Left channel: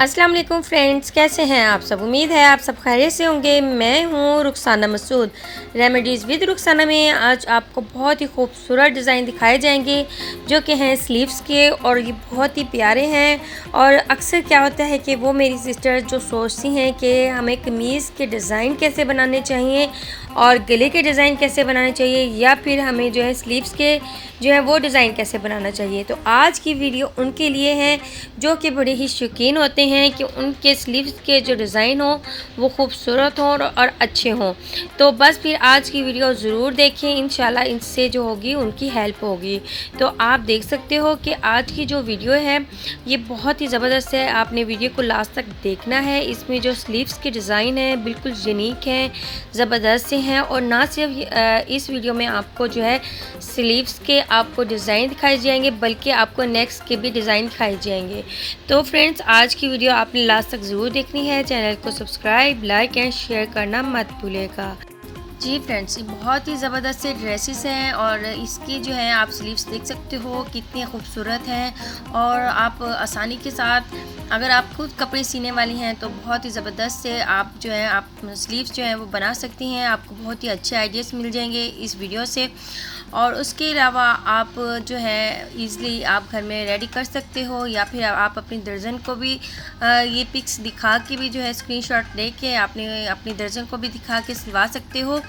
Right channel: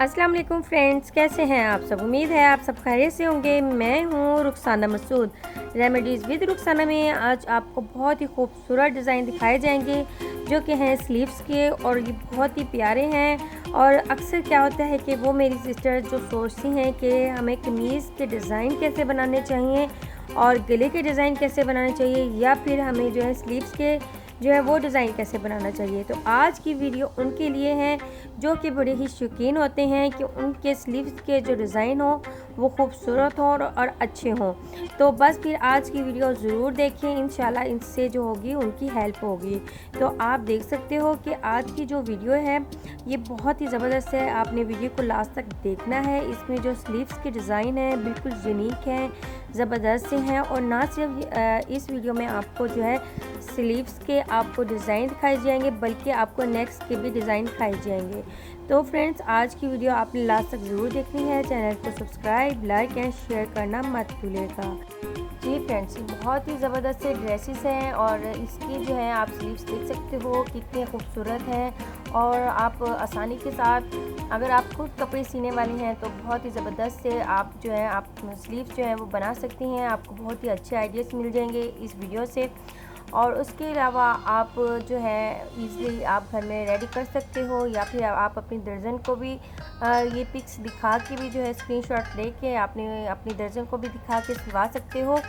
अस्सलाम वालेकुम फ्रेंड्स, कैसे हैं आप सब। उम्मीद है आप सब खैरियत से होंगे। मैं हूँ रुखसाना मसूद। रेमेडीज़ विद रुखसाना में आज आपको बहुत ही खूबसूरत डिज़ाइन दिखाए जाएंगे जो कि हैं स्लीव्स के, और ये बहुत ही प्यारे हैं। और अक्सर क्या होता है कि वो मेरी सिस्टर जो सोचती हैं कि हमें कमीज़ के डिज़ाइन कैसे बनाने चाहिए और गले के डिज़ाइन कैसे बनाने चाहिए, या फिर हमें जो है स्लीव्स के जो है वो डिज़ाइन कैसे बनाना चाहिए। तो आज की वीडियो उनके लिए है जो कि बड़े ही शौकीन होते हैं कि उनके स्लीव्स के जो डिज़ाइन हो वो खूबसूरत हों और अच्छे हों। तो बस फिर आज की वीडियो ज़रूर देखें, इंशाल्लाह इनसे जो होगी उनकी हेल्प होगी। तो आप देख सकते हो कि आज की जो वीडियो है ये बहुत ही ज़बरदस्त है, आपने वीडियो को लास्ट तक देखना है। इसमें जो स्लीव्स के डिज़ाइन है बिल्कुल यूनिक हैं, ज़बरदस्त से हैं। और ना सिर्फ इस वीडियो में आपको जो है स्लीव्स के आपको डिज़ाइन दिखाए जाएंगे, बल्कि आपको नेक्स्ट के भी डिज़ाइन दिखाए जाएंगे। तो फ्रेंड्स आज की वीडियो आपने लास्ट तक ज़रूर देखनी है। चैनल को सब्सक्राइब, लाइक एंड शेयर करना मत भूलिएगा। जी फ्रेंड्स, ये बहुत ही ज़बरदस्त से ड्रेसेस हैं और इसकी जो है आप स्लीव्स देख सकते हो कितनी खूबसूरत हैं। और आप आसानी के साथ अगर आप खुद कपड़े सीने वाली हैं तो बहुत ही ज़बरदस्त से आप जो है आप स्लीव्स जो हैं वो बना सकती हैं। आपको बहुत ही अच्छे आइडियाज़ मिल जाएंगे इस वीडियो से। और उसके अलावा आप जो है ईज़िली आप घर में रेडी कर सकते हो, या फिर आप अपनी दर्जन को भी ये पिक्स दिखा के भी जो है स्क्रीनशॉट लेके आपने अपनी दर्जन को भी दिखा के सिलवा सकते हो।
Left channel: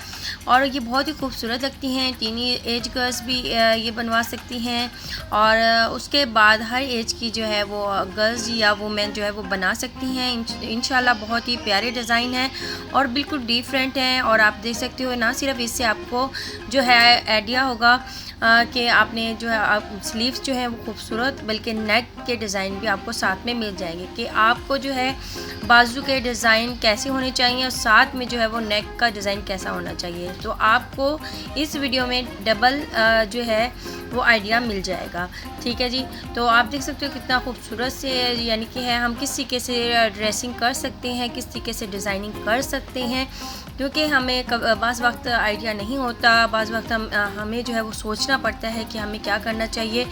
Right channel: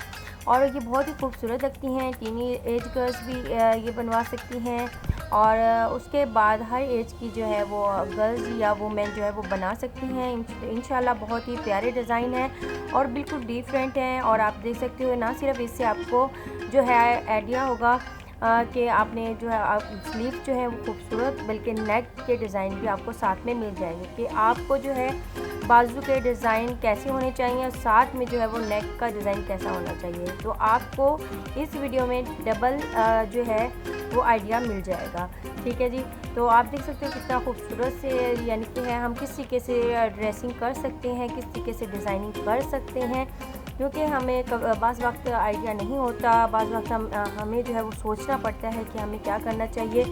और ये बहुत ही खूबसूरत लगती हैं। टीनी एज गर्ल्स भी ये बनवा सकती हैं, और उसके बाद हर एज की जो है वो गर्ल्स या वुमेन जो है वो बना सकती हैं। इंशाल्लाह बहुत ही प्यारे डिज़ाइन हैं और बिल्कुल डिफरेंट हैं। और आप देख सकते हो ना सिर्फ इससे आपको जो है आइडिया होगा कि आपने जो है आप स्लीव्स जो है वो खूबसूरत, बल्कि नेक के डिज़ाइन भी आपको साथ में मिल जाएंगे कि आपको जो है बाजू के डिज़ाइन कैसे होने चाहिए और साथ में जो है वो नेक का डिज़ाइन कैसा होना चाहिए। तो आपको इस वीडियो में डबल जो है वो आइडिया मिल जाएगा। ठीक है जी। तो आप देख सकते हो कितना खूबसूरत से यानी कि है हम किस तरीके से ड्रेसिंग कर सकते हैं, किस तरीके से डिज़ाइनिंग कर सकते हैं, क्योंकि हमें बाज़ वक्त आइडिया नहीं होता, बाज़ वक्त हमें जो है वो सोचना पड़ता है कि हमें क्या करना चाहिए।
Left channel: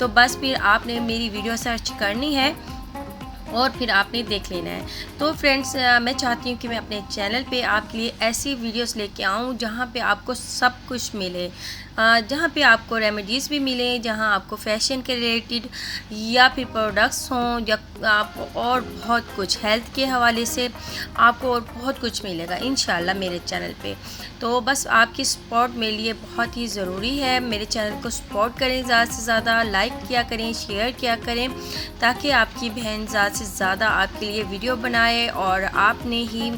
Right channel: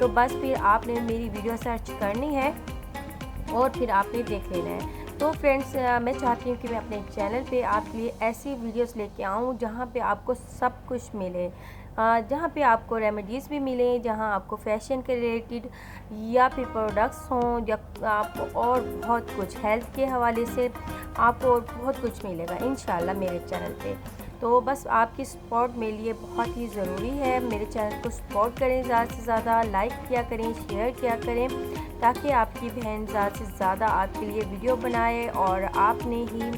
तो बस फिर आपने मेरी वीडियो सर्च करनी है और फिर आपने देख लेना है। तो फ्रेंड्स मैं चाहती हूँ कि मैं अपने चैनल पे आपके लिए ऐसी वीडियोस लेके आऊँ जहाँ पे आपको सब कुछ मिले, जहाँ पे आपको रेमेडीज़ भी मिले, जहाँ आपको फैशन के रिलेटेड या फिर प्रोडक्ट्स हों, या आपको और बहुत कुछ हेल्थ के हवाले से आपको और बहुत कुछ मिलेगा इंशाल्लाह मेरे चैनल पे। तो बस आपकी सपोर्ट मेरे लिए बहुत ही ज़रूरी है। मेरे चैनल को सपोर्ट करें, ज़्यादा से ज़्यादा लाइक किया करें, शेयर किया करें, ताकि आपकी बहन ज़्यादा से ज़्यादा आपके लिए वीडियो बनाए और आपने ही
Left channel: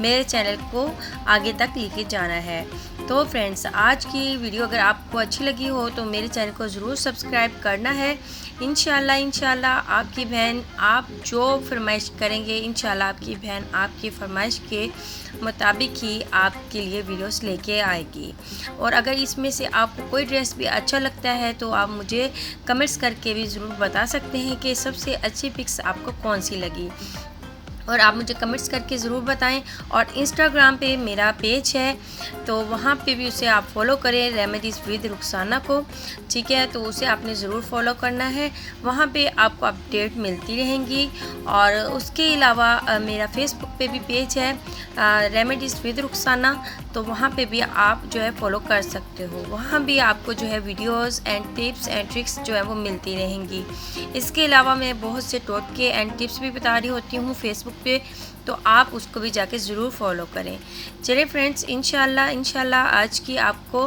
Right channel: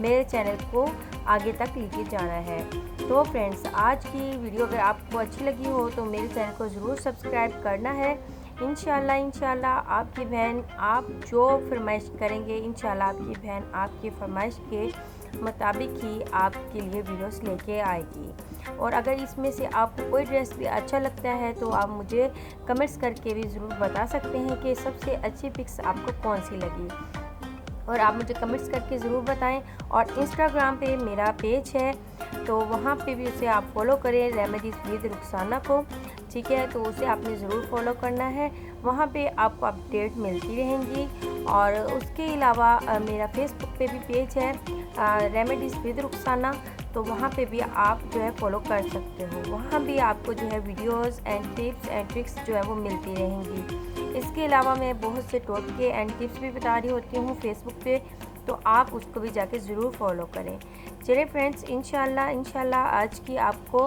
मेरे चैनल को आगे तक लेके जाना है। तो फ्रेंड्स आज की वीडियो अगर आपको अच्छी लगी हो तो मेरे चैनल को ज़रूर सब्सक्राइब करना है। इंशाल्लाह आपकी बहन आप जो फरमाइश करेंगे, इंशाल्लाह आपकी बहन आपकी फरमाइश के मुताबिक ही आपके लिए वीडियोस लेके आएगी। और अगर इसमें से आपको कोई ड्रेस भी अच्छा लगता है तो आप मुझे कमेंट्स करके भी ज़रूर बता सकते हैं कि सबसे अच्छी पिक्स आपको कौन सी लगी, और आप मुझे कमेंट्स करके ज़रूर बताएं। और इंस्टाग्राम पे मेरा पेज है तो वहाँ पे भी उसे आप फॉलो करें, रेमेडीज़ विद रुखसाना को। ठीक है, तो उसे आपने ज़रूर फॉलो करना है, वहाँ पे आपको अपडेट मिलती रहेंगी। और उसके अलावा मेरा फेसबुक पे भी पेज है रेमेडीज़ विद रुखसाना, तो वहाँ पे भी आप जो है फॉलो कर सकते हो। वहाँ भी आपको जो है videos and tips and tricks जो है वो मिलती रहेंगी। इसके अलावा मैं बहुत से टोटके एंड टिप्स भी बता रही होती हूँ फेसबुक पे, तो आप उसको भी जाके ज़रूर फॉलो करें। चलिए फ्रेंड्स, इंशाल्लाह आज की आपको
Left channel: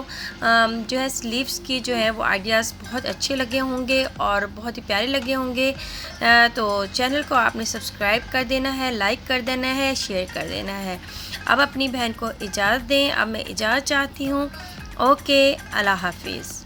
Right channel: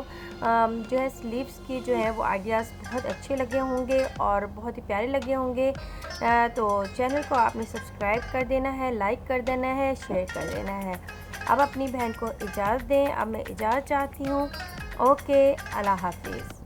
जो है स्लीव्स की जो है वो आइडियाज़ बहुत अच्छे लगे होंगे और बहुत ही प्यारे लगे होंगे। तो चैनल को आपने सब्सक्राइब कर देना है, लाइक कर देना है, शेयर कर देना है। अब अपनी बहन को इजाज़त दें, अब मैं इजाज़त चाहती हूँ। ओके, अल्लाह हाफिज़।